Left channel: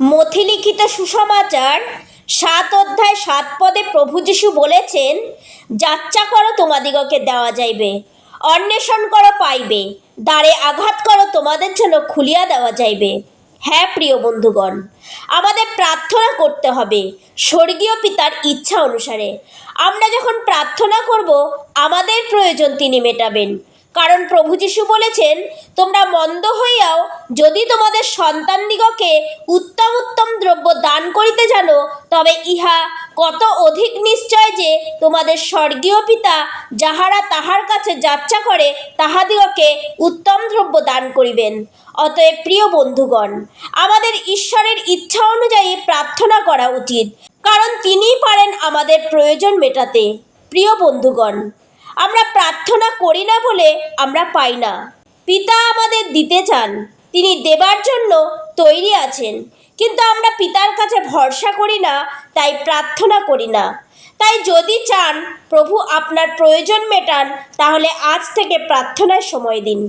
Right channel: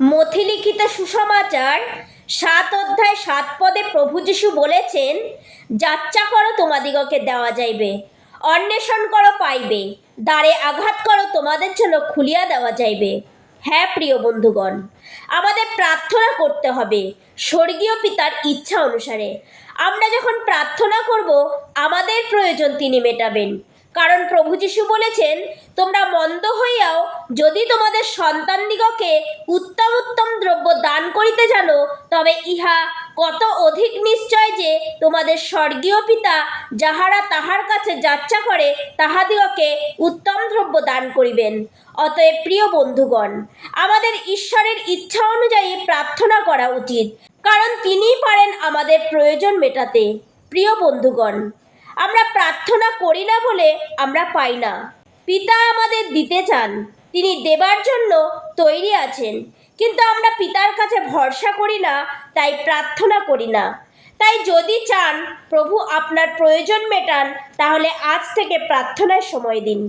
মথিলিখিত সুসমাচার ৭ অধ্যায় ৭ পদে প্রভু যীশু বলেছেন, যাচ্চা করো তোমাদিগকে দেওয়া যাইবে, অন্বেষণ করো পাইবে, দ্বারে আঘাত করো তোমাদের জন্য খুলিয়া দেওয়া যাইবে। হ্যাঁ প্রিয় বন্ধুগণ, আমাদের প্রার্থনা করতে হবে স্বর্গীয় পিতার ইচ্ছা অনুসারে। আমরা যখন প্রার্থনা করব, আমাদের প্রয়োজন তিনি মেটাবেন। কারণ প্রভু যীশু বলেছেন, তোমরা মন্দ হইয়াও যদি তোমাদের সন্তানদিগকে উত্তম উত্তম দ্রব্য দান করিতে জানো, তবে ইহা কত অধিক নিশ্চয় যে তোমাদের স্বর্গীয় পিতা যাহারা তাহার কাছে যাচ্চা করে তাহাদিগকে উত্তম দ্রব্য দান করিবেন। অতএব প্রিয় বন্ধুগণ, আমাদের ঈশ্বরের ইচ্ছা অনুযায়ী প্রার্থনা করা উচিত, কারণ তিনিই পারেন আমাদের প্রয়োজন মেটাতে। প্রিয় বন্ধুগণ, আমরা প্রার্থনা করি না বলে আমরা পাই না। পিতা আমাদের দিতে চান, তিনি দেবার জন্য তৈরি আছেন, কিন্তু আমরা পিতার কাছে ভরসা করি না, তাই প্রার্থনা করি না। তাই যদি চান প্রভু আপনার প্রয়োজন মেটান, তাহলে আজ থেকে প্রার্থনায় সময় দিন।